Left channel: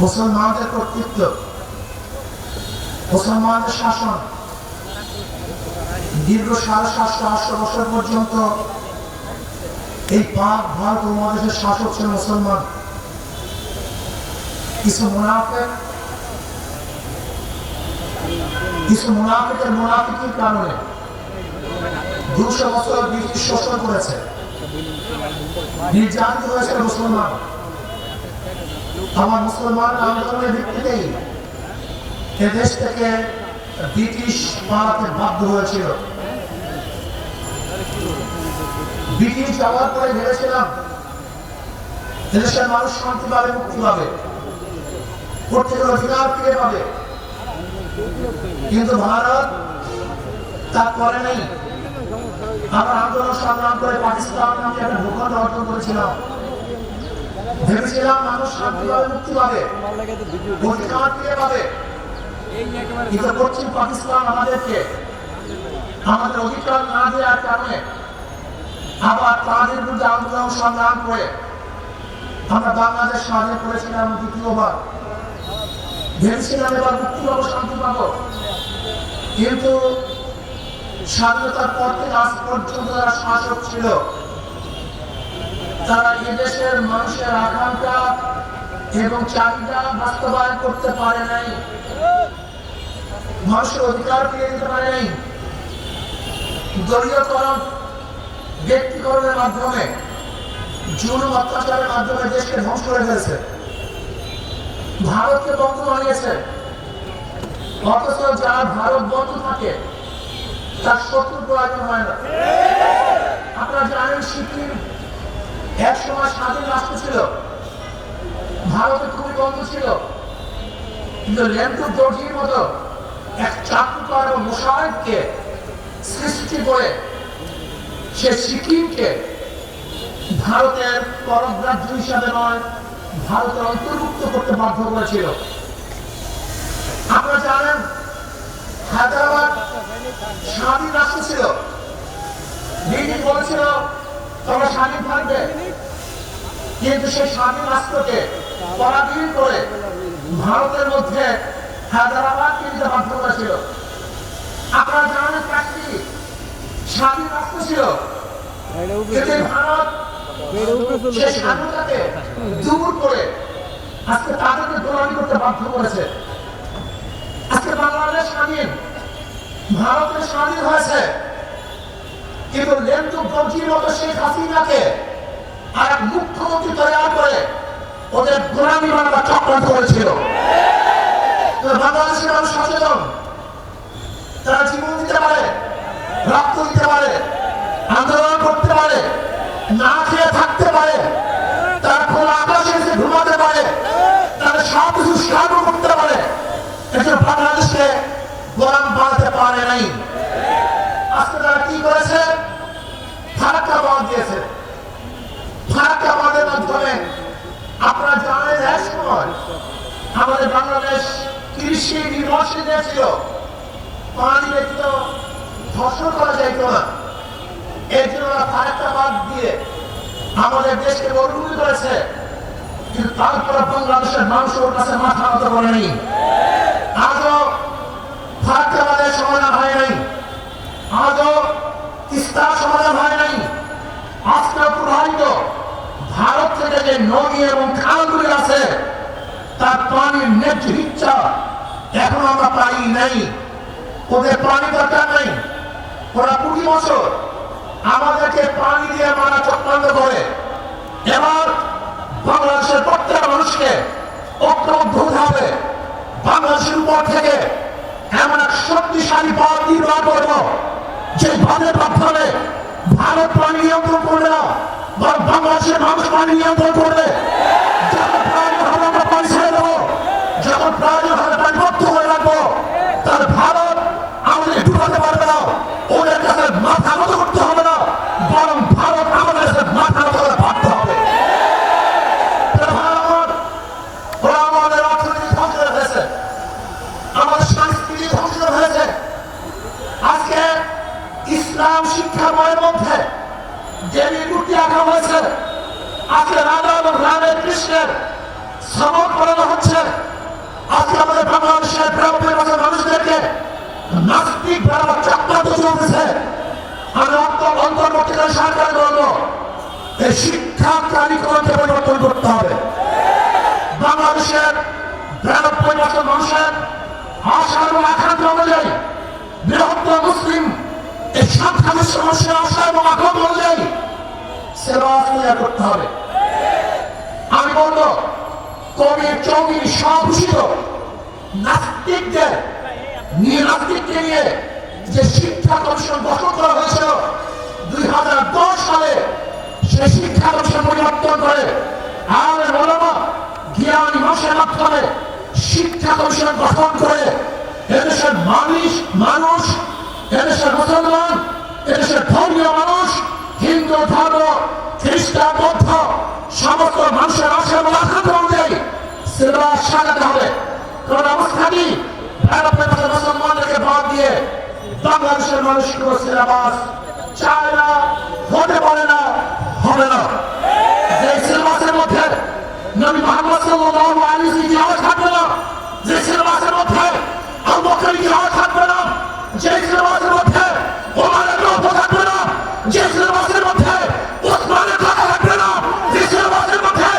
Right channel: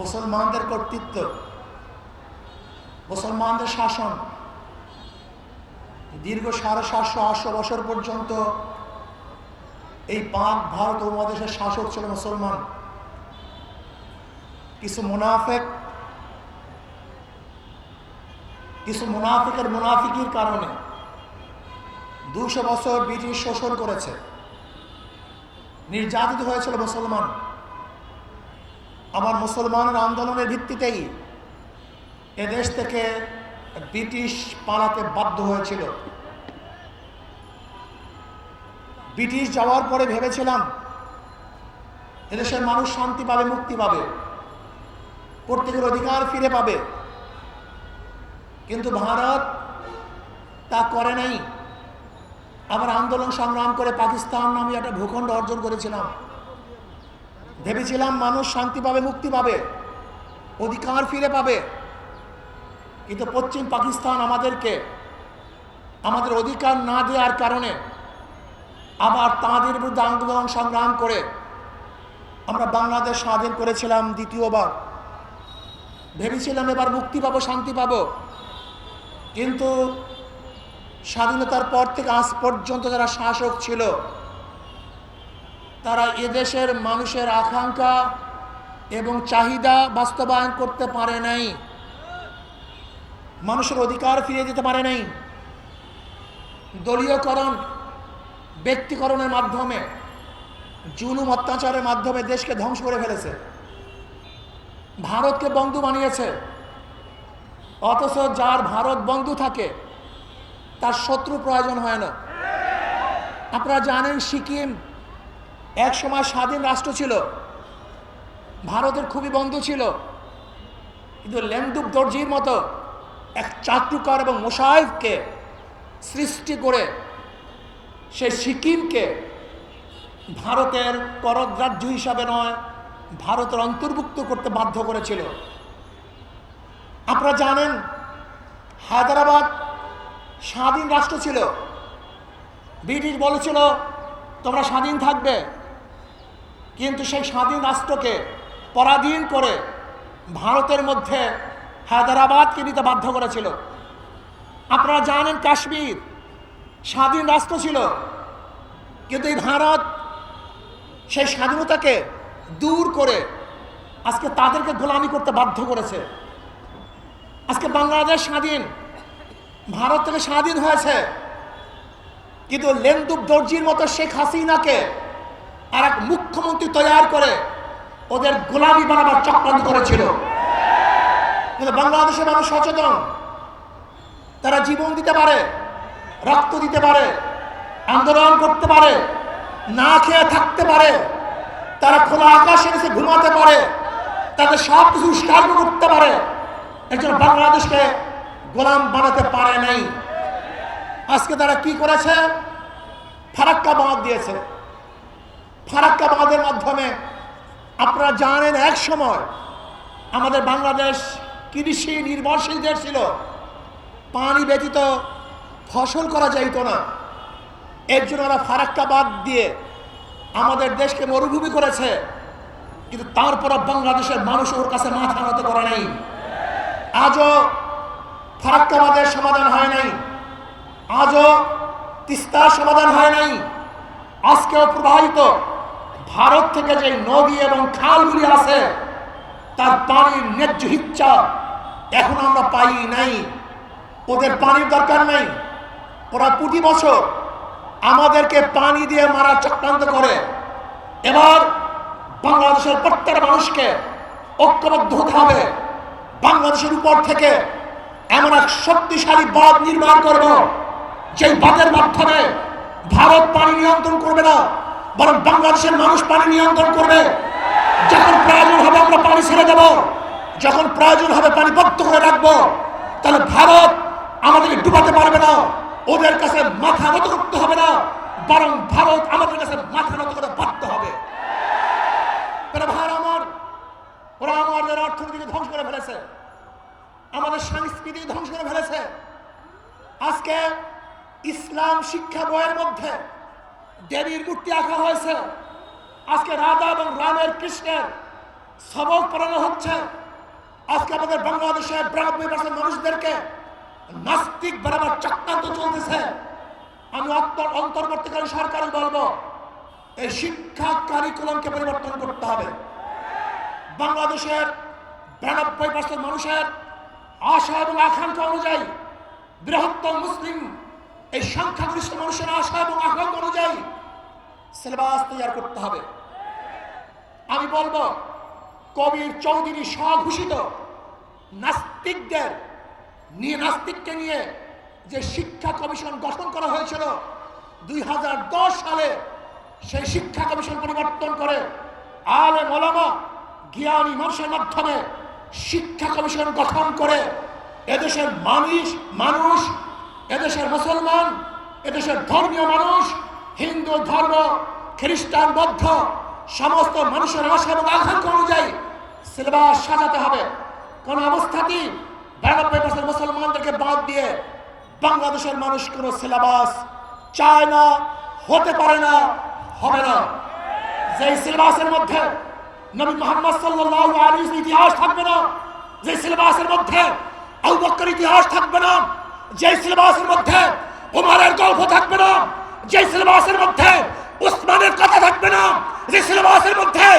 মুসলমানদের কর্তৃত্ব, মুসলমানদের শাসন দীর্ঘ 750-800 বছর পর্যন্ত এই পাক ভারত উপমহাদেশের শাসক ছিল মুসলমান। কিছু মুনাফিকের মুনাফিকির কারণে 200 বছর ব্রিটিশ শোষণ করেছে, নির্যাতিত হয়েছে মুসলমান। আমার মুসলমান আন্দোলনের ভিত্তিতেই এদেশ থেকে ব্রিটিশ পালাতে বাধ্য হয়েছিল। ব্রিটিশ যাওয়ার পরে ভেবেছিলাম দেশের মানুষ শান্তি পাবে, মুক্তি পাবে, প্রত্যেকের অধিকার ফিরে পাবে, কিন্তু ভারত তা করে নাই। আমরা আন্দোলন সংগ্রাম করে পাকিস্তান নামে একটা ভূখণ্ড অর্জন করেছিলাম, ভেবেছিলাম মানুষ শান্তি পাবে, মুক্তি পাবে, অধিকার ফিরে পাবে। কিন্তু পশ্চিম পাকিস্তান আমাদেরকে আমাদের অধিকার না দেওয়ার কারণে আবার তাদের বিরুদ্ধে আন্দোলন সংগ্রাম করে আমরা বাংলাদেশ স্বাধীন করেছিলাম দ্বিতীয়বার। ভেবেছিলাম এবার মুক্তি পাবো, শান্তি পাবো, কিন্তু স্বাধীনতার পর থেকে আজ পর্যন্ত যারা শাসক ছিল তারা এদেশের মানুষের আকাঙ্ক্ষা এবং চাহিদা বাস্তবায়ন করতে পারে নাই, মানুষের অধিকার ফিরিয়ে দিতে পারে নাই। দলীয়করণ, ব্যক্তিকরণের মাধ্যমে, জুলুম অত্যাচারের মাধ্যমে দেশকে ধ্বংস করে ফেলেছে, ভারতকে বন্ধু বানিয়েছে। অথচ যার ভারত বন্ধু থাকে তার শত্রু প্রয়োজন হয় না। আপনারা জানেন সিকিম একসময় স্বাধীন রাষ্ট্র ছিল, ভারতের খুবই বন্ধু ছিল, কিন্তু লেন্দুর দর্জির মতো এক চাটুকার এবং মুশাহিদকে সৃষ্টি করে সে সিকিমকে ভারতের পরম রাজ্য হিসাবে নয়, ভারতের অন্তর্ভুক্ত করতে বাধ্য করেছিল। আপনারা জানেন হায়দ্রাবাদ স্বাধীন রাষ্ট্র ছিল, ব্রিটিশ বলেছিল তোমরা স্বাধীন থাকবে, কিন্তু সেই স্বাধীন রাষ্ট্রকে পরাধীন করে ভারতের মধ্যে হায়দ্রাবাদকে নিতে বাধ্য করেছিল। আপনারা জানেন কাশ্মীর স্বাধীন রাষ্ট্র ছিল, কিন্তু ভারত সেই স্বাধীনতাকে দূর করে আজকে তাদেরকে গোলামি করতে বাধ্য করেছে। আজকে বাংলাদেশ স্বাধীন, ভারত থেকে স্বাধীন হয়েছে, কিন্তু লেন্দুর দর্জির মতো শেখ হাসিনাকে এক মুখ্যমন্ত্রী তৈরি করে ওদের গোলামি বানাবার চক্রান্ত করেছিল। বাংলাদেশের মানুষ সচেতন, তারা জীবন দিতে পারে, রক্ত দিতে পারে, আন্দোলন করতে পারে, না খেয়ে থাকতে পারে, তারা খোলা আকাশে নিচে ঘুমাতে পারে, তাদের সব কিছু সার্ব করতে পারে, এটা বাংলাদেশকে গোলাম বানাতে পারে নাই। আজকে তারা কি করেছে? ফারাক্কা বাদ দিয়েছে। ফারাক্কা বাদের মাধ্যমে আপনারা জানেন এক সময় আমাদের বাংলাদেশ কৃষি নির্ভরশীল দেশ ছিল, পানি ব্যতীত ফসল করা যাইত না। এর জন্য ওরা ফারাক্কা বাদ দিয়ে আমাদের দেশকে মরুভূমি করেছে, কিন্তু তারপর বাংলাদেশের মানুষের কাছে মাথা নত করেনি। আজও ফারাক্কা বাদের সমাধান হয় নাই, আজও তিস্তার সমাধান হয় নাই। আজকে প্রবাহিত ভারত থেকে যে নদী এবং খালগুলি আছে তার পানির ন্যায্য ইচ্ছা এখন আমরা পাই নাই। ওদের পানি দরকার নাই, ওরা কোটি বছর আমাদেরকে পানি দিয়ে মারার চক্রান্ত করে। এবার বাংলাদেশের প্রত্যেক মানুষকে ঐক্যবদ্ধ হতে হবে। বাংলাদেশের উপর থেকে এমন এক শক্তিশালী বল নির্মাণ করব যে বলের মাধ্যমে ভারত পানি নিয়ন্ত্রণ করবে না, বরং বাংলাদেশের মানুষ পানি নিয়ন্ত্রণ করবে। যখন প্রয়োজন হবে আমরা পানি ছেড়ে দেবো, যখন প্রয়োজন হবে পানি বদ্ধ করে রাখবো, তাহলে ভারত আমাদের ডুবাতে পারবে না, ওদের কাছে মাথা নত করতে হবে না, বরং ভারত আমাদের কাছে মাথা নত করে বাধ্য হবে। আমাদের অর্থনীতি ধ্বংস হয়েছে, আমাদের সংস্কৃতি ধ্বংস হয়েছে। আজকে ইসলাম শিক্ষা বইয়ের মধ্যে দেবী রুটি আঁকা হয়েছে, আজকে রাধা এবং রাধা কৃষ্ণের সবক পড়ানো হচ্ছে। শিক্ষা কারিকুলামকে পরিবর্তন করতে হবে। বাংলাদেশের 92% মানুষের আশা এবং আকাঙ্ক্ষা অনুযায়ী, বৃহত্তর মুসলিম এই সংখ্যাগরিষ্ঠ মানুষের আশা এবং আকাঙ্ক্ষা অনুযায়ী সিলেবাস তৈরি করতে হবে। আমি বলবো কবি চৌধুরী স্বঘোষিত নাস্তিকদের নাস্তিককে নিয়ে যে শিক্ষা কমিশন গঠন করা হয়েছিল 2010 সালে, সেই শিক্ষা কমিশন পরিবর্তন করে আমাদের বলবো জ্ঞান মানুষের মাধ্যমে শিক্ষা কমিশন গঠন করে এদেশের মানুষ এদেশের মুসলমান, এদেশের ধর্মীয় মানুষ, হিন্দু ধর্ম, খ্রিস্টান, বৌদ্ধ সমস্ত মানুষের আশা আকাঙ্ক্ষা অনুযায়ী সিলেবাস সাজাতে হবে। কারণ অবস্থা কি মুসলমানদেরকে বাদ দিয়ে বাংলাদেশের মানুষ কোনো সিলেবাস চায় না, হতে পারে না, হবে না। যে সিলেবাসের মধ্যে নবী মুহাম্মদ সাল্লাল্লাহু আলাইহি ওয়াসাল্লাম ইতিহাস থাকবে না, যে সিলেবাসের মধ্যে আবু বকরের ইতিহাস থাকবে না, যে সিলেবাসের মধ্যে ওমরের গল্প থাকবে না, যে সিলেবাসের মধ্যে উসমানের কথা থাকবে না, যে সিলেবাসের মধ্যে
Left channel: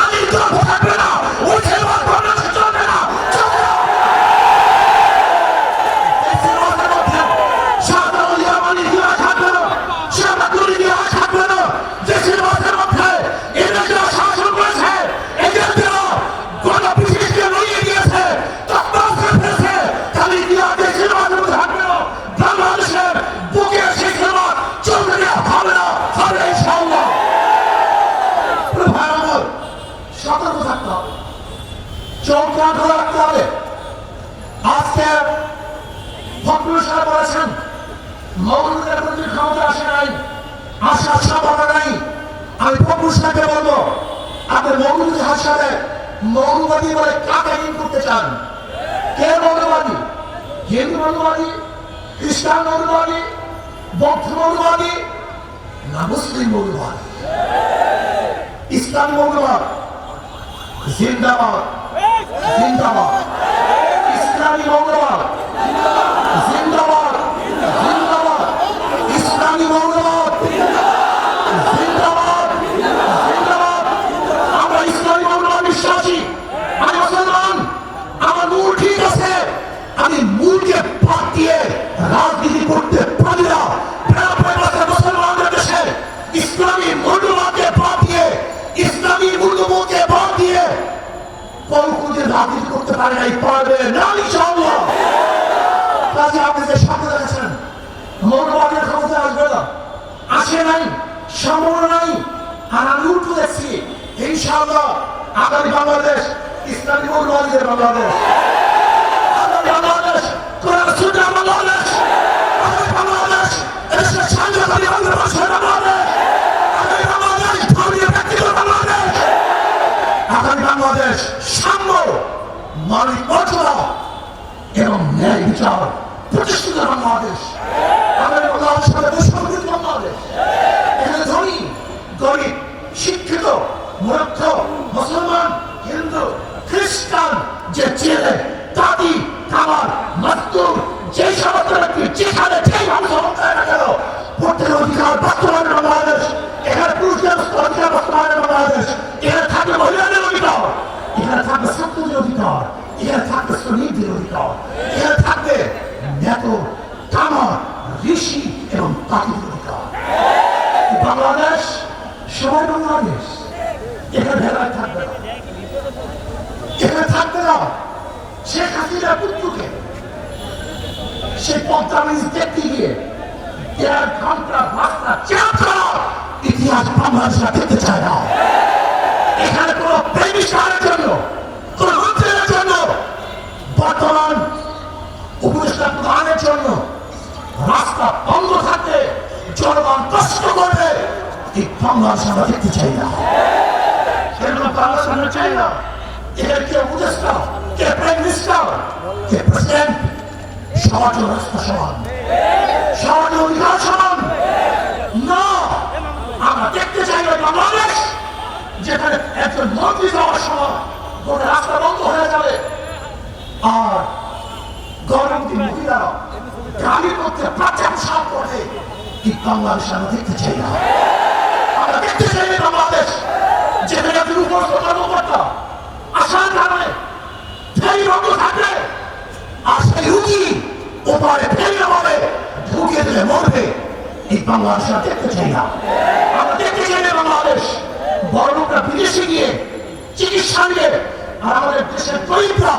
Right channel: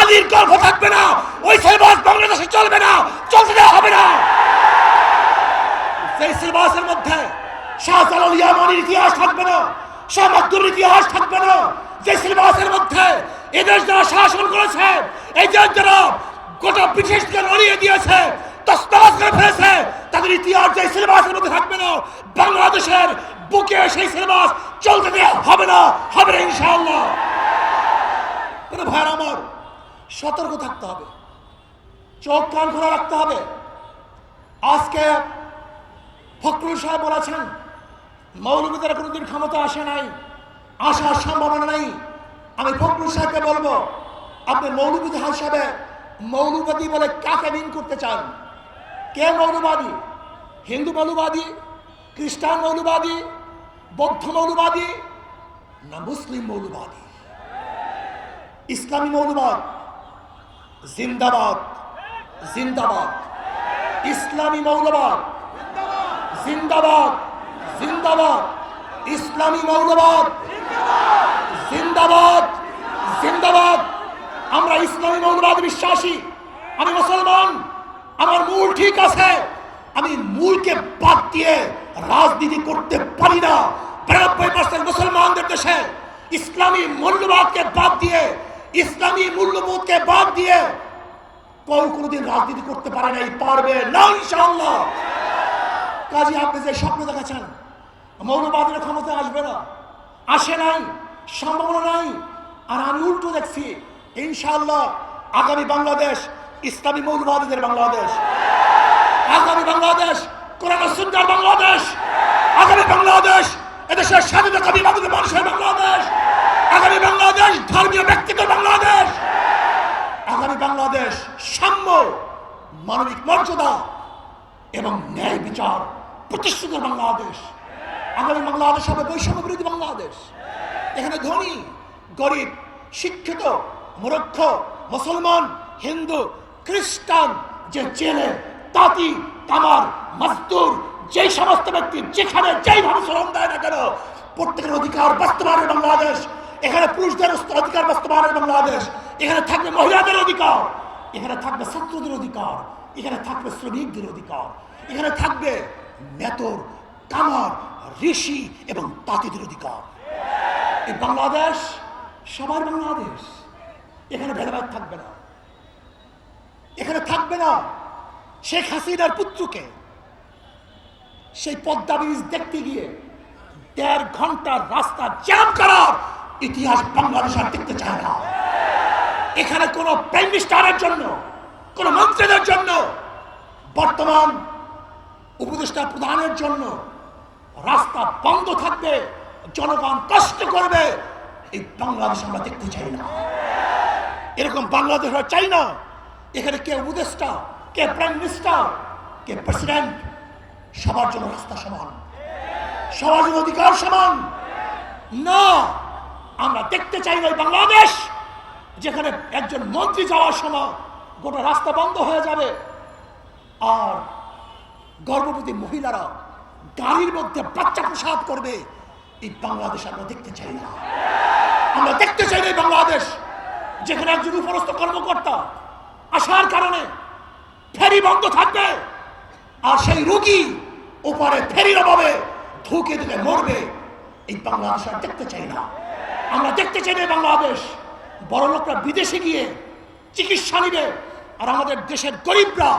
আলীর গল্প থাকবে না, ওই সিলেবাস বাংলাদেশে চলবে না, চলবে হবে না। যে সিলেবাসের মধ্যে শাহজালাল ইয়ামানির ইতিহাস থাকবে না, শাহ আব্দুল ইতিহাস থাকবে না, যে সিলেবাসের মধ্যে এদের যারা শাসন করেছে, এদের যারা গোটা পৃথিবীকে নড়িয়ে দিয়েছে, তসমাস করে ফেলেছে, তার ইতিহাস যে সিলেবাসের মধ্যে থাকবে না, বাংলাদেশের বুকে সেই সিলেবাস চলবে না, হবে না, হবে না ইনশাআল্লাহ। ভাই আমার সতর্ক থাকতে হবে, চমৎকার রাখতে হবে। আজকে ফখরুল সাহেব বলেছেন মৌলুদের প্রতি ক্ষমতা আসে নাই, আসার সম্ভাবনা নাই। আমি ফখরুল সাহেবকে বলবো, আপনি মৌলুদ হাসাবে মৌলবাদী বলে কাকে ইন করতে চান? কে মৌলবাদী? হিন্দু মৌলবাদী, খ্রিস্টান মৌলবাদী, বৌদ্ধ মৌলবাদী না মুসলিম মৌলবাদী? ইসলাম মৌলবাদ জিন্দাবাদ, জিন্দাবাদ। ইসলামী মৌলবাদ জিন্দাবাদ, জিন্দাবাদ। ইসলামী মৌলবাদ জিন্দাবাদ, জিন্দাবাদ। আমরা ইসলামী মৌলবাদ বিশ্বাসী, আমি মুসলমান, আমার মূল ঠিক আছে, আমি মূলকে বাদ দিয়ে রাজনীতি করতে পারি না। মুসলমানদের দেশে ইসলামী মৌলবাদকে বাদ দিয়ে, ইসলামী মূল্যবোধকে বাদ দিয়ে কলকুদের রাজনীতি করতে পারে নাই, পারবে না ইনশাআল্লাহ। কাজে আপনি যে স্বপ্ন দেখেছেন মৌলবাদের ক্ষমতা আসবে না, আসে নাই, সম্ভাবনা নাই। আর আমি উঠে দেখছি ইনশাআল্লাহ আগামী বাংলাদেশ ইসলামী মৌলবাদীদের বাংলাদেশ, আগামী বাংলাদেশ কোরআন সুন্নাহ বাংলাদেশ, আগামী বাংলাদেশ এদেশের স্বাধীনতাবাদী মানুষের বাংলাদেশ, আগামী বাংলাদেশ ধর্মীয় ব্যক্তিগত বাংলাদেশ, আগামী বাংলাদেশ সাম্য, মানবিক মর্যাদা এবং ন্যায় বিচার প্রতিষ্ঠিত বাংলাদেশ, আগামী বাংলাদেশের দেশপ্রতিম বাংলাদেশ। এখানে ধনী গরিব, শিক্ষিত মূর্খ, মুসলমান, হিন্দু, খ্রিস্টান, যে ছেলে পাতি খাওয়ার মাস্তুর, যে সমস্ত ব্যক্তি যেখানে যেই মানুষ প্রত্যেক অধিকার বাস্তবায়ন বাংলাদেশ, এখানে পুরুষদের অধিকার বাস্তবায়ন বাংলাদেশ, এখানে থাকবে মহিলাদের অধিকার, এখানে থাকবে ছাত্রদের অধিকার, এখানে থাকবে শ্রমিকদের অধিকার, এখানে থাকবে নেতা, কামার, ঋষি এবং পাতিদের অধিকার। বাংলাদেশ সবার বাংলাদেশ, এখানে ভেদাভেদ থাকবে না, এখানে থাকবে না শেখ হাসিনার পুত্রকে সেই পদ্মা ব্রিজ দেখতে গিয়ে 1.5 ঘন্টা রাস্তা জ্যাম করা ইতিহাস বাংলাদেশ দেখতে চায় না। এখানে কোন প্রেমিকার জন্য, কোন অঞ্চলের জন্য, বর্তমান উপদেষ্টা প্রধানের জন্য রাস্তা বন্ধ থাকবে, জনগণ কষ্ট করবে, এই বাংলাদেশ আমরা দেখতে চাই না। এরকম বাংলাদেশ আমরা চাই না। এখানে কে উপদেষ্টা, কে প্রাইম মিনিস্টার, কে প্রেসিডেন্ট, সবার জন্য রাস্তা সমান, সবার অধিকার সমান না। আমরা দেখতে চাই না বাংলাদেশ যেখানে একজন মন্ত্রী যাওয়ার সময় কোনো রাস্তা বন্ধ হয়ে যাবে আর গর্ভবতী মহিলা গ্রামের মধ্যে বাচ্চা প্রসব করবে। এই বাংলাদেশ আমরা দেখতে চাই না। আমরা দেখতে চাই বাংলাদেশ উপস্থ কর্মকর্তা আসার কারণে ফেরি বন্ধ থাকবে, আর সেই রুগী ওপারে ফেরি বলে ঢুকে দিলে মরবে। এই বাংলাদেশ দেখতে চাই না, আমরা দেখতে চাই না বাংলাদেশ বড় লোকরা বিদেশে গিয়ে চিকিৎসা নিবে, আর আমাদের দেশের গরিবরা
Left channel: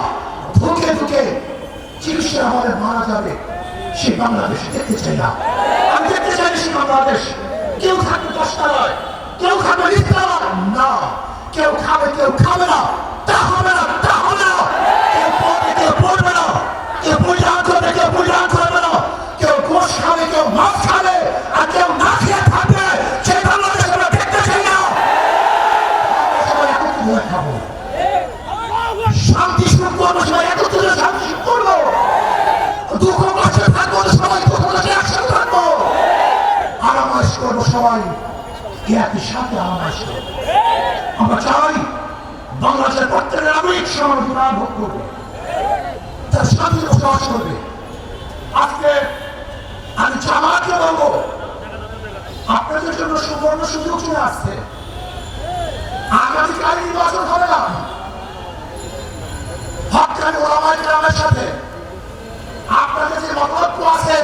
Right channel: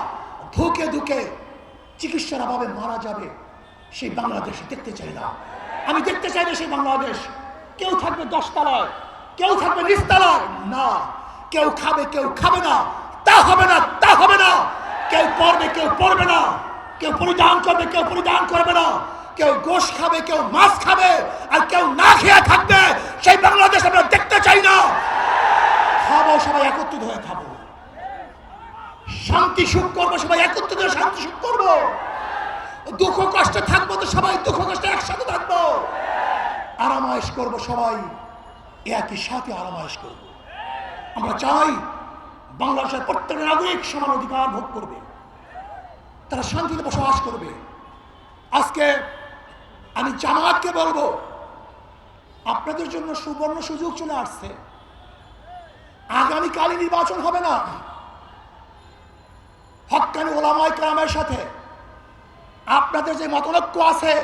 ঢুকে ঢুকে চিকিৎসা আমাদের মারা যাবে। সেই বাংলাদেশ দেখতে চাই না, আমি দেখতে চাই সেই বাংলাদেশ কেউ থাকবে 10 তলায়, কেউ থাকবে 20 তলায়, না কেউ খাবে কেউ খাবে না, তা হবে না, তা হবে না। কেউ পড়বে কেউ পড়বে না, কেউ পূজান করবে কেউ পূজান করবে না, কেউ গোশ খাবে কেউ মাছ খাবে, আর কেউ না খেয়ে থাকবে। সেই বাংলাদেশ আমরা দেখতে চাই না। খাবো সবাই একত্রিত হয়ে খাবো, শান্তি শুরু করবো সবাই একত্রিত হয়ে শান্তি শুরু করবো, দুঃখ কষ্টে থাকবো সবাই দুঃখ কষ্টে একসাথে থাকবো, আরামাইশ করবো সবাই একই সাথে আরামাইশ করবো। আমরা চাই বাংলাদেশের প্রত্যেকের নাগরিক সমান জীবন ভোগ করবে, তারা শান্তিতে বসবাস করবে। আজকে আমি জামাতকে বলবো, আপনাদের জন্য সুবর্ণ সুযোগ চলে আসছে। আগামীকাল নির্বাচন হবে না, হকের ওলামায়ে কেরামের সাথে আপনাদের যে মতলক্ষ আছে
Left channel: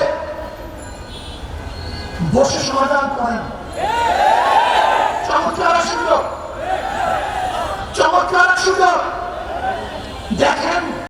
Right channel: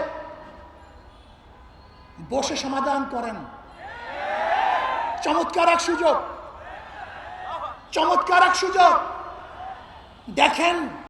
বসে সমাধান করেন।